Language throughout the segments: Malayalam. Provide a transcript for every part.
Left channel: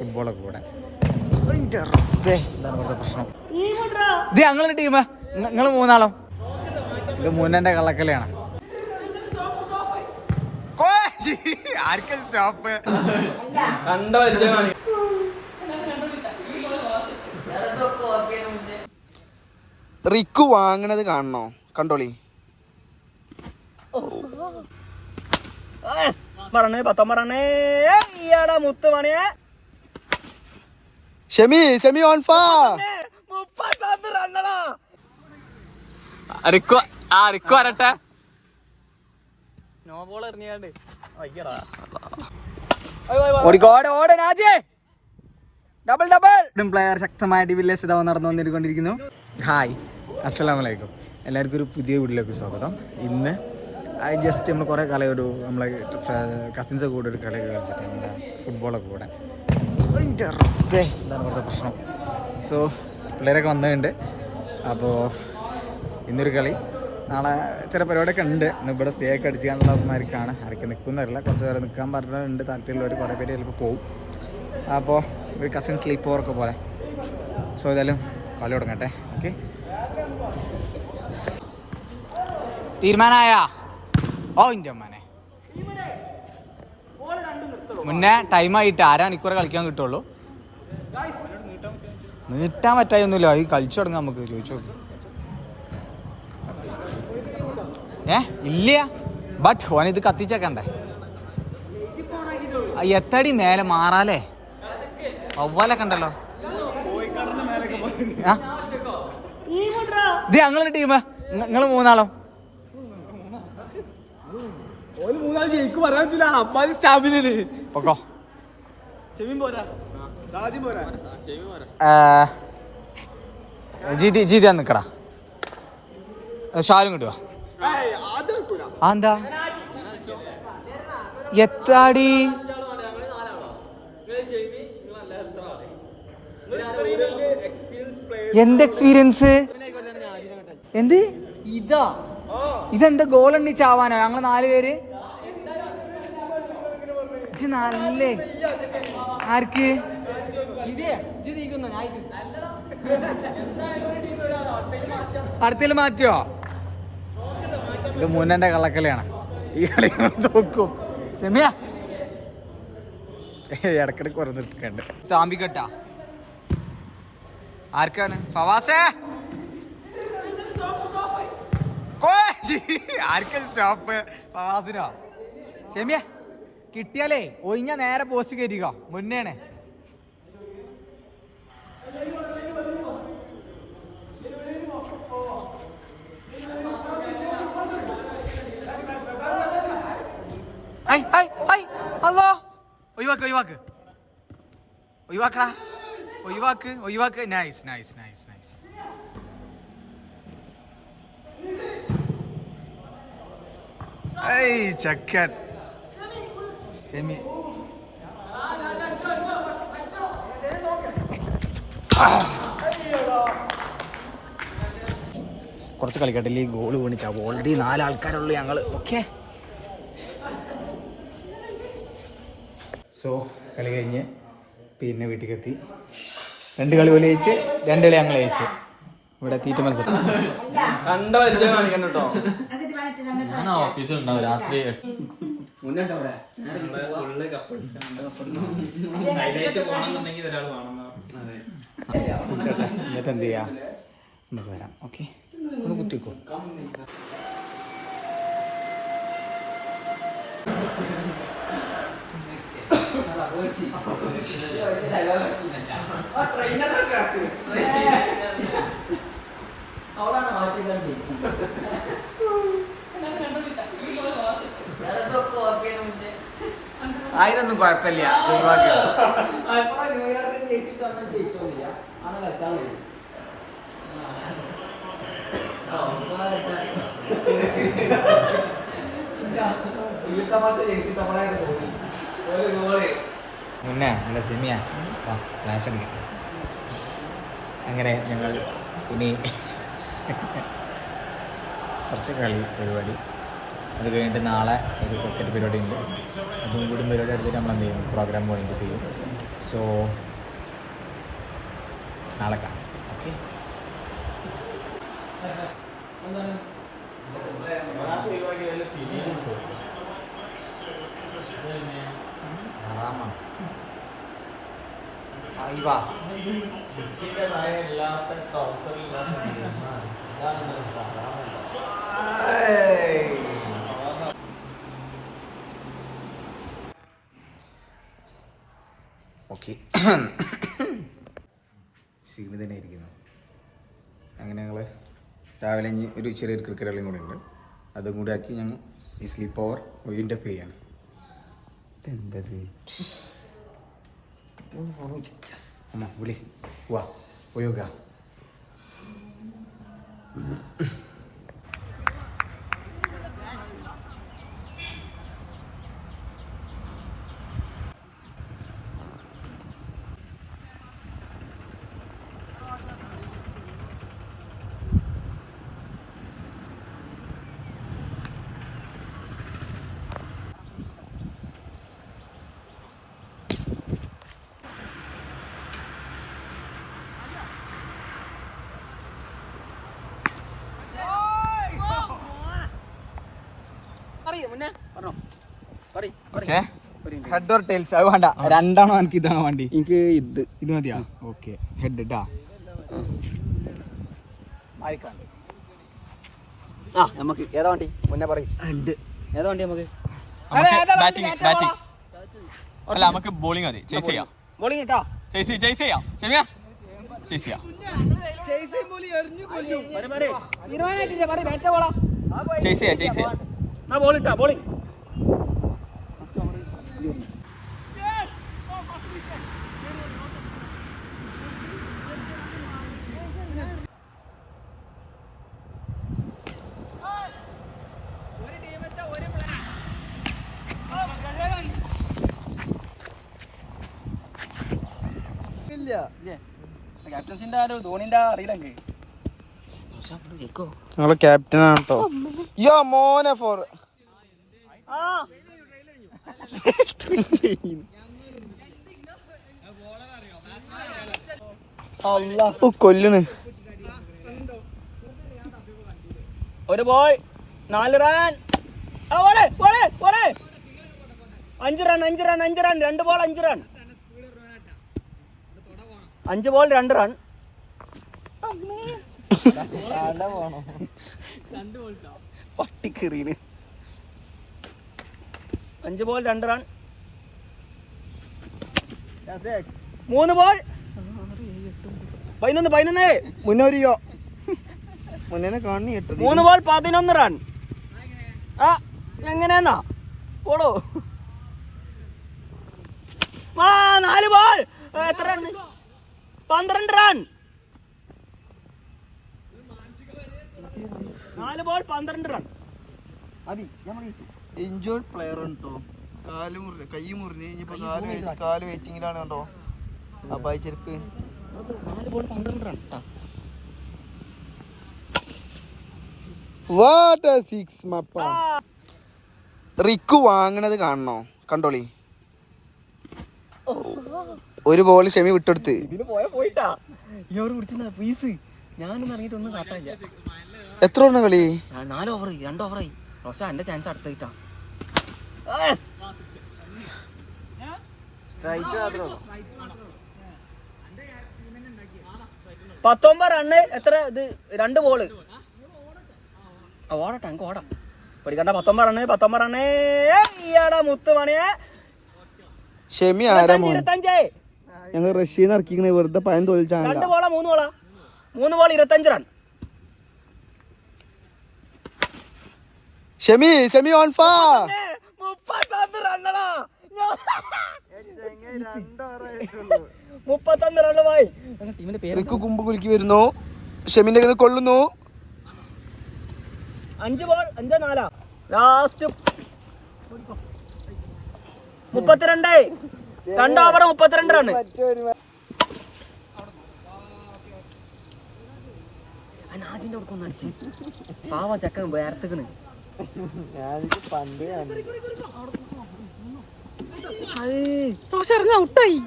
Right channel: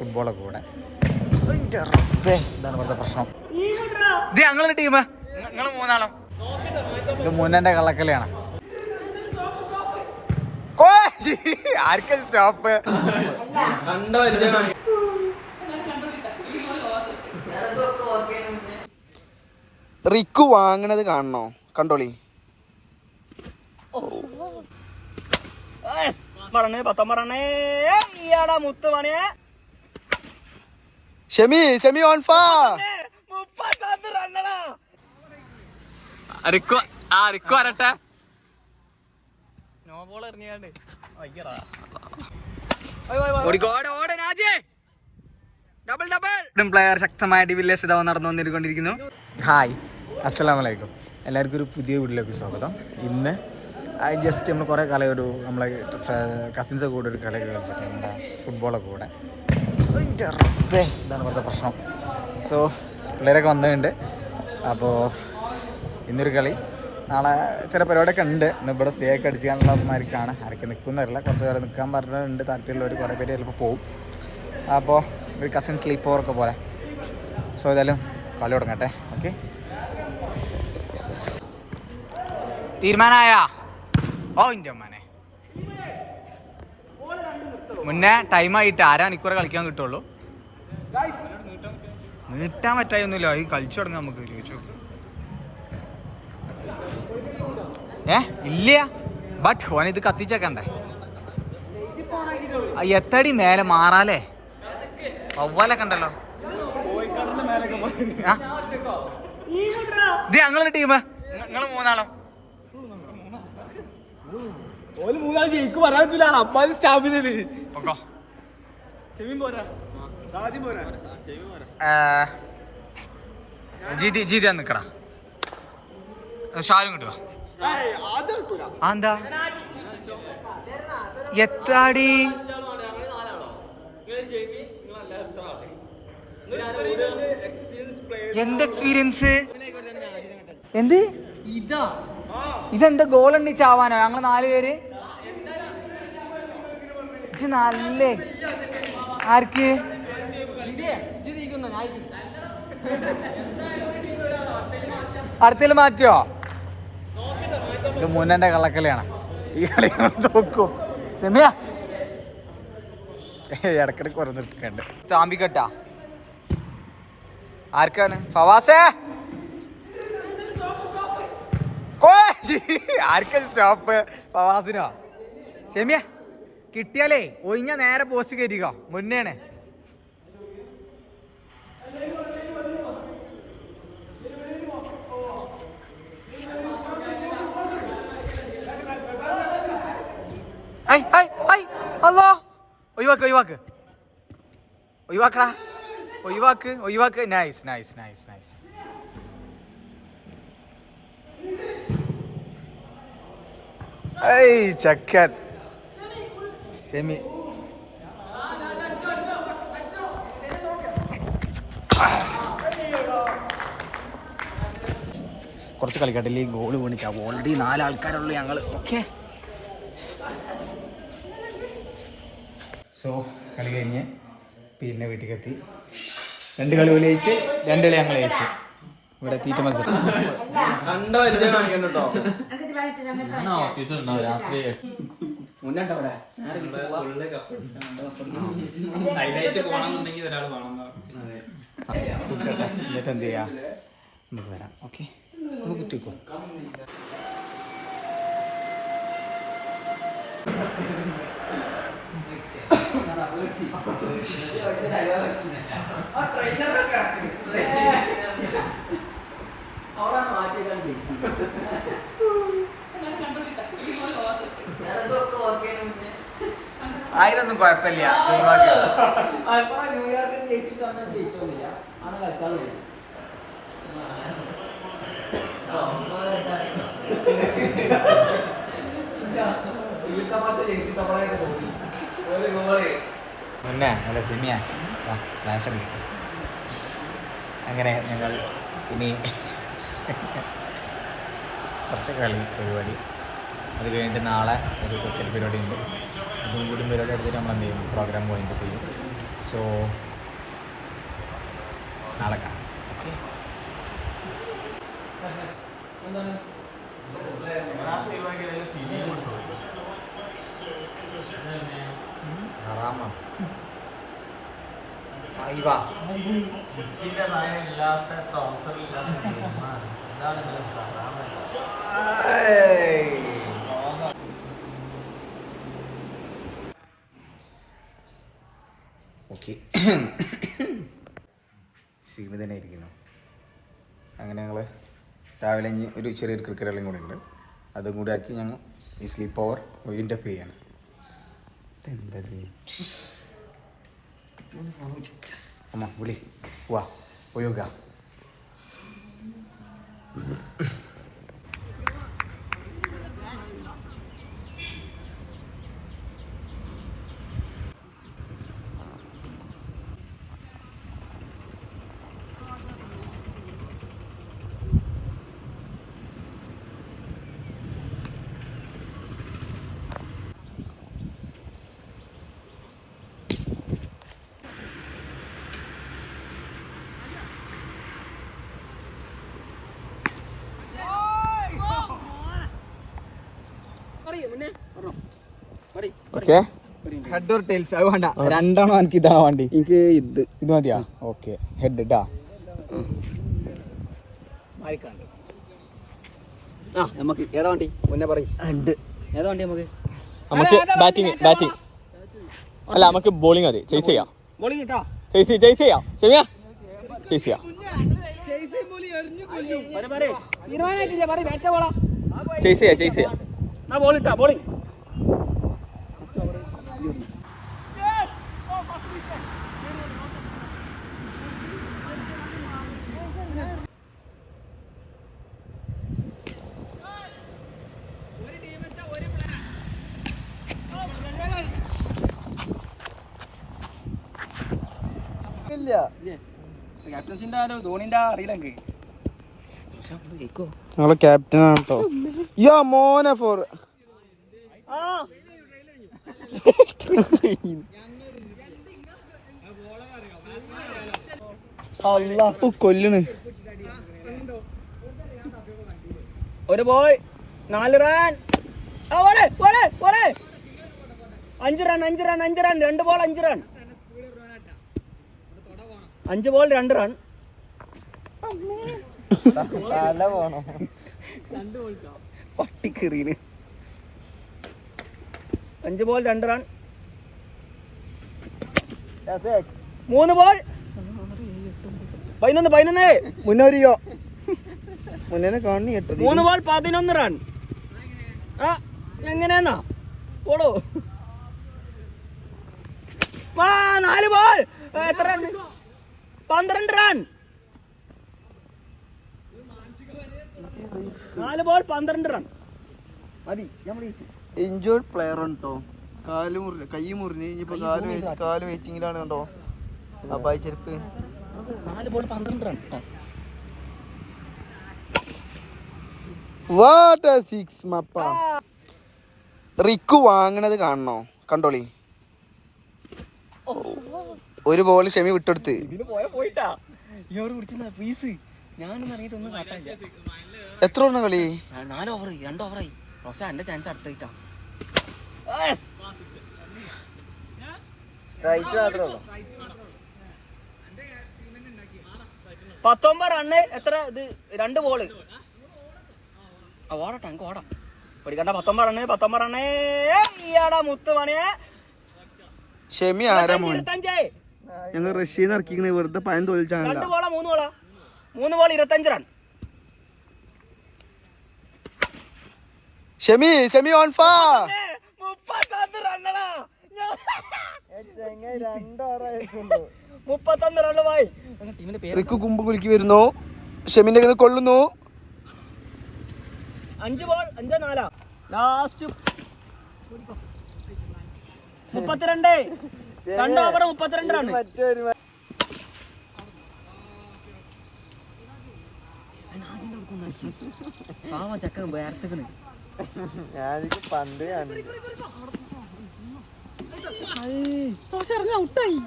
ഫുട്ബോളൊക്കെ കൂടെ. എന്താണ് ഇവിടുത്തെ പ്രശ്നം? ഇത് ഞങ്ങളുടെ ടീം, നിങ്ങൾ മൂന്നാളോ? ഇത് മുന്നന്റെ കള്ളക്കളിയാണ്. ആർക്കും സ്റ്റോപ്പ് റിക്കു വാങ്ങണത് കാണണോ? കണ്ടോളി. Shemi on fire. റിക്കു വരട്ടെ. പ്ലെയർ ശക്തമായ ഡിവില്ലേഴ്സ് ഇതാ നടന്നു വന്നിരിക്കുന്നു. ഹായ്, അസ്സലാമു അലൈക്കും. എല്ലാവർക്കും ഒരു പുതിയ വീഡിയോയിലേക്ക് സ്വാഗതം. ഇന്ന് ജസ്റ്റ് നമ്മൾ കുറേ കാലം നമ്മളെ കസിൻസൊക്കെ കൂടെ ഒരു കളിയൊക്കെ കളിച്ചിട്ട് നമ്മുടെ ഫുട്ബോളൊക്കെ കൂടെ. എന്താണ് ഇവിടുത്തെ പ്രശ്നം? സോ പിള്ളേരൊക്കെ വന്നിട്ടുണ്ട്. അപ്പോൾ ഇന്നൊരു കളി, നാളെ ചില പരിപാടിയൊക്കെ ഉണ്ട്. ഇന്ന് ഇവിടെ സ്റ്റേ ഒക്കെ അടിച്ചാനുള്ളമാർക്കാണ്. ആരൊക്കെ നിൽക്കുന്നവരല്ല, കുറച്ച് പേരെ നിൽക്കാൻ പറഞ്ഞിട്ടുണ്ട്. താല്പര്യമുള്ളവർ കുറേ പേര് ചിലപ്പോൾ പോവും. അപ്പോൾ ഒരു കസിൻ സ്ലീപ്പ് ഓവറൊക്കെ പോലെ. സോ ഏതായാലും കളി തുടങ്ങട്ടെ. ഓക്കെ, തീരുമാനമായ? ഓ ഇൻ്റെ അമ്മാനെ, മുന്നേ ടൈമായിട്ട് ആരാ മണിക്കൂറെ കളിക്കാൻ കിട്ടുള്ളൂ. നീട്ടാൻ പറ്റായൊന്നുമില്ല. ഈ കളിച്ചു തുടങ്ങാം, നമുക്ക് ചോദിച്ചു നോക്കും. ഇല്ല, ബട്ട് ഓനിത് കത്തിച്ചേക്കണ്ടേ? എത്തടി മേലെ മാറാലേ? അവലൊക്കെ ഉണ്ടല്ലോ. ഇത് ഞങ്ങളുടെ ടീം, നിങ്ങൾ മൂന്നാളോ? ജീതി നിക്കടാ. ഷാരും കിട്ടുക. എന്താ എത്താടി? എന്ത് എക്സ്പീരിയൻസ്? എന്ത് ഇതെന്താ ഗോൾ എണ്ണിച്ചാവാനോ? ഞങ്ങള് 4 പേര്. നല്ലേ ആർക്ക്? അടുത്തേൽ മാറ്റിയോ? ഇത് മുന്നന്റെ കള്ളക്കളിയാണ്. ഈ കളി നോക്കും. ക്ഷമിയ ഇടക്കിടക്ക് കുറേ നിർത്തിക്കണ്ട്. ചാമ്പിക്കട്ടാ ആർക്കാണ്? ഫവാസേ, ആർക്കാ സ്റ്റോപ്പ്? ഫവാസിനോ? ക്ഷമിയ കിട്ടിയാലേ ഒഴിഞ്ഞ നേരെ പോസ്റ്റ് കയറ്റിക്കോ. മുന്നേണ് അല്ലോ. ഒഴിവാക്ക്. നൈസ്. ചക്കൻ ഷെമി. കുറച്ച് കളിക്കട്ടില്ലേ, ഗോള് വീണിച്ചാ. ഓൾറെഡി 4 ആൾക്കാരുള്ളൂ ഞങ്ങള്. ഓക്കെ, സോ കളി കഴിഞ്ഞ് പിന്നെ വീട്ടിൽ എത്തി. 2 കളി പോലെ ജയിച്ച്, 2 കളി ഞങ്ങൾ ജയിച്ച്. ഇവിടെ തീറ്റ മത്സരം കണ്ട പരിചയം കാണിക്കണ്ട കേട്ടോ. ഓഫീസിലുണ്ടാവും രാത്രി ഫുഡട്ടെ, എന്നിട്ട് എന്ത് ചെയ്യാ, നമുക്ക് വരാം. ഓക്കെ, ഒന്ന് കുത്തിക്കോ. ആയിരൊന്നും കുഴപ്പമില്ല. മുന്നേ അല്ല സിമിയ ഫ്ലാഷ് അടിക്കട്ടെ. അങ്ങനെ ഞങ്ങൾ ഇനി കുറച്ച് കളി പരിപാടി, അത് കഴിഞ്ഞിട്ട് നാളെ ഒരു ക്രിക്കറ്റ് പരിപാടി ഉണ്ട്. അതും കൂടി പരിപാടി എടുത്തിട്ട് നമ്മൾ എന്ത് ചെയ്യും, പ്രോഗ്രാം പോയിന്റ് ചെയ്യും. സോ നാളെ കാണാം. ഓക്കെ. ഓക്കെ. ക്ഷീണി തന്നെ ഇരിക്കുന്നു. അങ്ങനെ ഞങ്ങൾ രാവിലെ ഇനി ഒരു ചെറിയൊരു ക്രിക്കറ്റ് കളിയും കൂടെ ഉണ്ട്. അതും കൂടി ആക്കി ഞങ്ങൾ ഈ സ്ലീപ്പ് ഓവർ വൈൻഡപ്പ് ചെയ്യാണ്. എന്തത് അമ്മ വിളി വാ പോയോക്ക. ഹെഡ് ഓർ ടൈൽസ് അത് വേണ്ട. രണ്ടാണോ എനിക്ക് ഇതാണോ വണ്ടി? എനിക്ക് ഇത് മതിയാ? ഓക്കെ. ഹെഡ് ഇട്ടാ മാറിക്കാണ്ട്. നമുക്ക് ഏതാ വണ്ടി മുന്നേ പറയും. ഹെഡ് ഏതാ വണ്ടി? നമുക്ക് ബാറ്റിംഗ് അല്ല, നമുക്ക് ബോളിംഗ് മതി. ചേസ് ചെയ്യാം. ബോളിംഗ് ഇട്ടോ. ചേസ് ചെയ്യാം. ശരിയാ, ചേസ് ചെയ്യാം. ചേസ് ചെയ്യാം. ബോളിട്ടാ ബോളിംഗ്. ക്യാപ്റ്റൻസിന്റെ ആരോ ധോണിന്റെ അറിയില്ല. ഞങ്ങളെ ക്യാപ്റ്റൻ ആണ് കേട്ടോ. മോനെ ഫോർ കൊല്ലുന്നു. ഒരു ball 4 run. 5 run 2 ball 5 run. 5 ball 2 run. പട്ടിക്കെറീന് 5 ബോൾ 2 റൺ. 3 ബോൾ 11 മുന്നോരിയോ മുന്നേ കാണി 3 ബോൾ 11 റൺ. എങ്ങനെയാന്നാ ഓടോ. 4 ബോൾ എത്ര റൺ? 12 റൺ. 4 ബോൾ 12 റൺ മതി. ഇഞ്ചോർഡ് പ്ലെയർ ആണ് കേട്ടോ. കൈ മുറിഞ്ഞ് ഇനിയിപ്പോ കാല് വെയിറ്റിങ്ങിലാണ് കേട്ടോ. അബ്ബായി ചെരുപ്പ്. 4 ബോൾ 12 റൺ. റിക്കു വാങ്ങണത് കാണണോ? കണ്ടോളി. ഒരു ബോൾ ഷെമി വിട്ടെടുത്ത്. ഇതിന് പോയിട്ടാ പീസ് ഞാനൊന്നും അറിയിട്ടൊന്നും കാട്ടാനില്ല. എത്ര ഓവർ കളി? 4 ഓവർ 2 ഓവറായി. പക്ഷെ എന്റെ ചാൻസ് അടുത്തായിട്ടാ. 19 റണ്ണ്. എത്ര ഇത്? 2 ബോള്. ഓടട്ടെ അങ്ങ് ഓടാം. പഠിക്കണ്ട. 19 റണ്ണ്. ഈയാടാ മുത്ത് പണിയെ. ഷെമി ആരാ? 25. ഞങ്ങൾ റഷ്യന്ന് ഇറക്കിക്കണേ വെറുതെ പയം തോൽച്ചാൽ. 2 ബോളാ 3 ബോളാ? 3 ball 25 run. Shemi on fire. 31 റണ്ണടാ. 31 run പോയി. ടീമിന്റെ പേര് റിക്കു കുമ്പ് കുലുക്കി വരുന്നു. ഷെമിന്റെ കയ്യിൽ നിന്ന് കൊള്ളുന്നു. 5 ബോൾ 5-4. ലാസ്റ്റ് 32. 2 over 32 run. നാജിന്റെ കൊടുക്കൊന്നും അടിച്ച് പാവം ചക്കൻ വേർത്തുക്കണ്. ഔട്ടായി.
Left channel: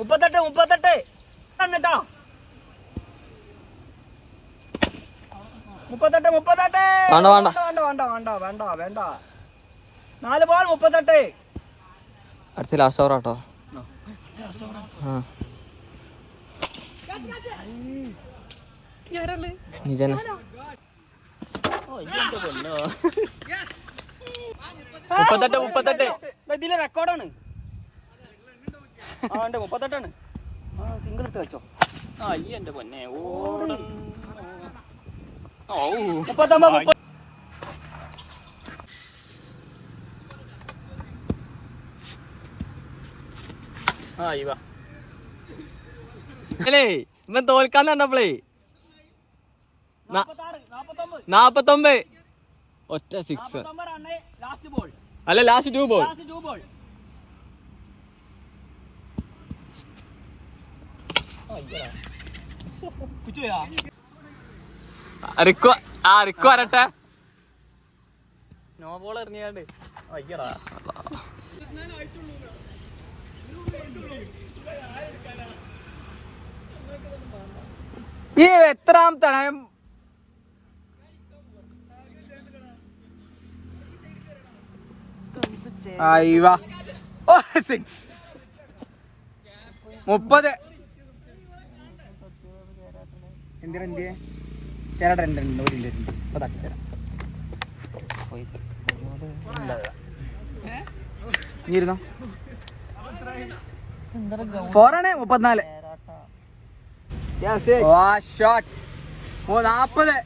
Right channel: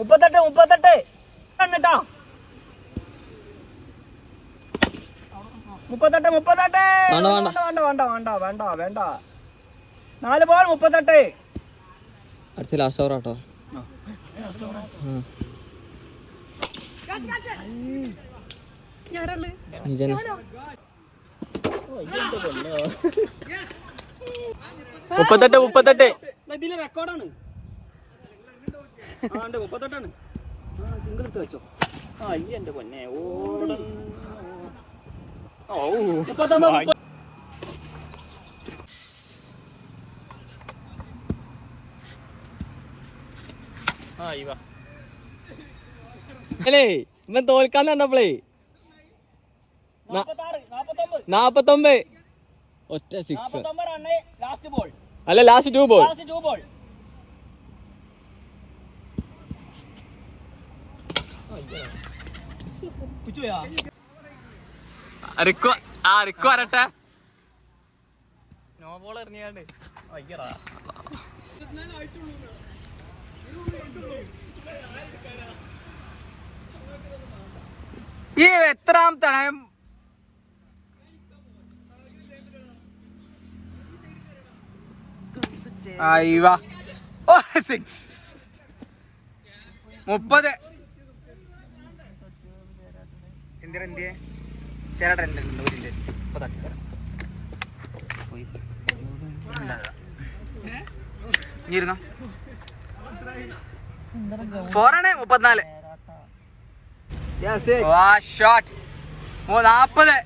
38 കണ്ടിട്ടോ 38 വേണ്ട 4 ബോൾ 38 അടുത്ത ലാസ്റ്റ് ഓവർ ആട്ടോ ഇതിലെ റെക്കോർഡാണ് 38 സിംഗിൾ എടുത്ത് വെച്ചോ എന്റെ പൊന്നെ ഇവൻ തോൽക്കാൻ കണ്ടപ്പോളേ 49 ഒറ്റ 6 അല്ല ലാസ്റ്റ് 2 ബോൾ റിക്കു വരട്ടെ നോ ബോൾ എറിഞ്ഞാണ്ട് ഈ എത്രാമത്തെ അയ്യോ 6 30 ഇരുന്നോ 4 ആണ് 34 ഷോട്ട് 40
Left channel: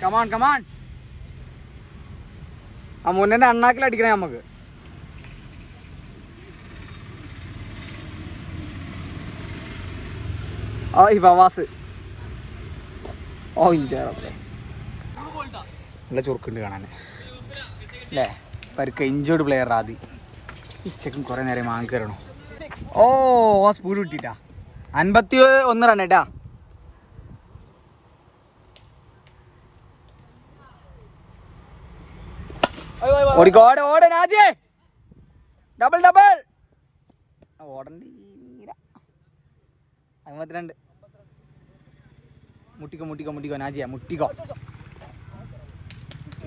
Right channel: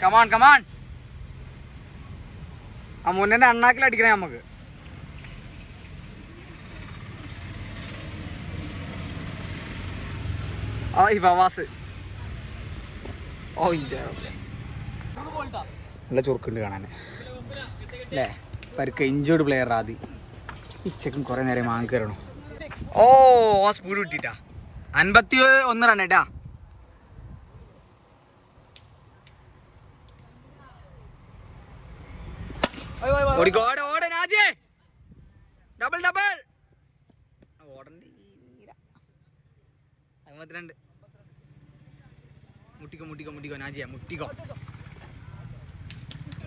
കമാൺ ആ മുന്നേ അണ്ണാക്കിൽ അടിക്കണേ നമുക്ക് ഫവാസ് നല്ല ചുറുക്കുണ്ട് കാണാൻ അല്ലേ പരുക്ക ഇഞ്ചോർഡ് പ്ലെയർ ആദി ഇച്ചക്കും കുറെ നേരം മാങ്ങ കയറണോ സ്പീഡ് കിട്ടിട്ടാ 51 റൺ കേട്ടാ ഓടെ നാജേ ഡബിൾ ഓടണ്ട 52 മുട്ടിക്കോ നാജിയ മുട്ടിക്കോ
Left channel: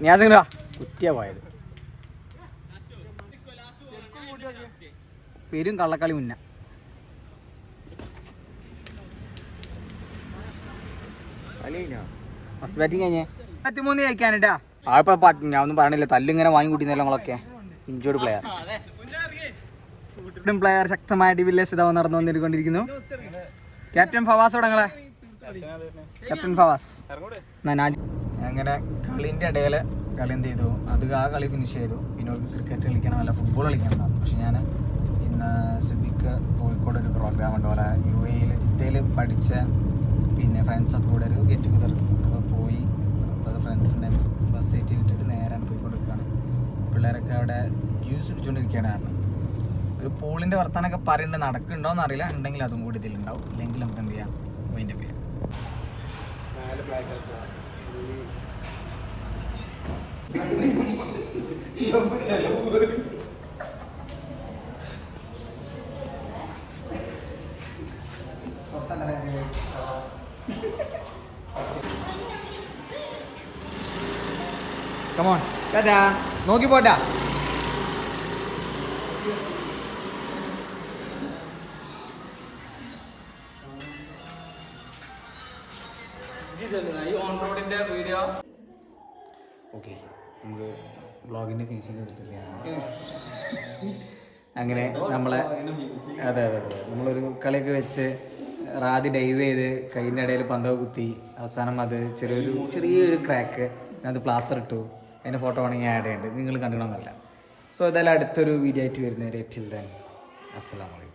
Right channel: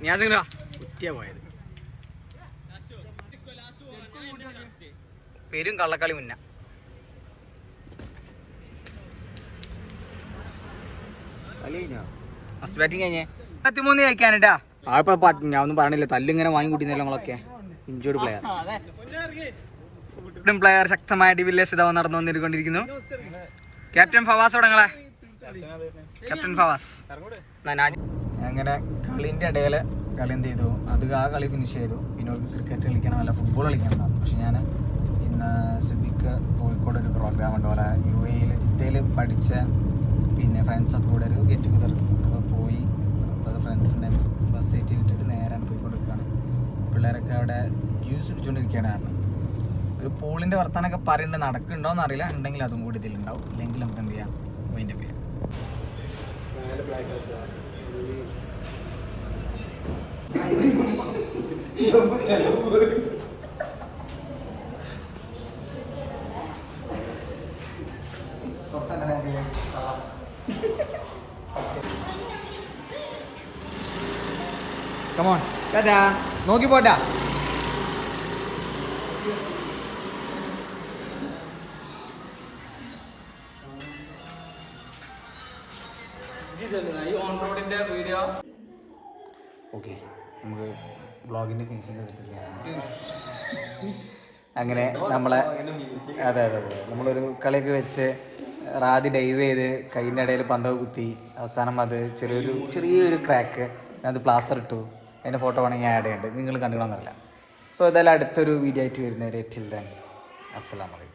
ഞാസിങ്ങ കുറ്റിയാ പോയത് പേരും കള്ളക്കളി മുന്ന ഫസ്റ്റ് ബാറ്റിംഗ് കഴിഞ്ഞേ 23 കഴിക്കാനേട്ടാ ഞാൻ ഒന്നും പറഞ്ഞില്ല തല്ലിങ്ങനെ വാങ്ങി കൂട്ടിന്നല്ലോ ഞങ്ങളൊക്കെ ഇഞ്ചോർഡ് പ്ലെയർ ശക്തമായ ഡിവില്ലേഴ്സ് ഇതാ നടന്നു വന്നിരിക്കൊണ്ടിരിക്കുന്നു ക്യാപ്റ്റൻ ഫവാസ് തുടങ്ങളെ ക്യാപ്റ്റൻ ഫവാസ് അങ്ങനെ കളിൻ്റെ ഇടയിൽ കളി എന്ത് ചെയ്തു അത് ആ കളി ഫിനിഷ് ചെയ്തു പിന്നെ അവർക്ക് ക്രിക്കറ്റ് കളിക്കണം അല്ല ഫുട്ബോൾ കളിക്കണം പക്ഷെ ഞാൻ ഇന്ന് സുബിക്ക് കോഴിക്കോട് ഒരു പ്രോഗ്രാം ഉണ്ട് പോലെ UAE ജിദ്ദയിൽ പഠിച്ച പിന്നെ ഫ്രണ്ട്സൊക്കെ കൂടെ ഒരു ഗെറ്റ് ടുഗദർ അപ്പോൾ പോയി അത് ഫ്രണ്ട്സിൻ്റെ ബസ് സീറ്റ് വിട്ടിട്ട് നേരാണ് പോയി കൊടുക്കുകയാണ് പിള്ളേരൊക്കെ അവിടെ ജ്യൂസ് കുടിച്ചുകൊണ്ടിരിക്കുകയാണ് കാരണം ഒരു പൂളിൻ്റെ വർത്താനൊക്കെ പറയുന്നുണ്ട് നടക്കുന്നുണ്ടോയെന്ന് അറിയില്ല ഉണ്ടെങ്കിൽ അതും കൂടി ഇതിലുണ്ടാവും ഇല്ലെങ്കിൽ നമുക്ക് എന്ത് ചെയ്യാം അതിൻ്റെ പേര് കമോൺ ടാറ്റാ നോക്കി പോട്ടാ ഓക്കെ നമുക്ക് വ്ളോഗിൻ്റെ ഫിനിഷിങ് എടുത്തിട്ടില്ല അങ്ങനെ നമ്മളെ അതെ നമ്മളൊരു കളിയൊക്കെ വെച്ച് റാദി ഡൈവ് ചെയ്ത് കൈയിൻ്റെ ഇടയിൽ പന്തൊക്കെ കുത്തി അവസാനം അത് ചെറിയൊരു ക്രാക്ക് അത് പ്ലാസ്റ്റർ ഇട്ടു അതിൻ്റെ ഫോട്ടോ വേണമെങ്കിൽ ഞാൻ ആഡ് ചെയ്യുന്നുണ്ട് നിങ്ങൾ കണ്ടുകൊള്ളണമെന്നല്ല സോ ഏതായാലും അടുത്തൊരു വീഡിയോ ആയിട്ട് വരുന്നവരെ ടിൽ ദെൻ അസ്സലാമു അലൈക്കും.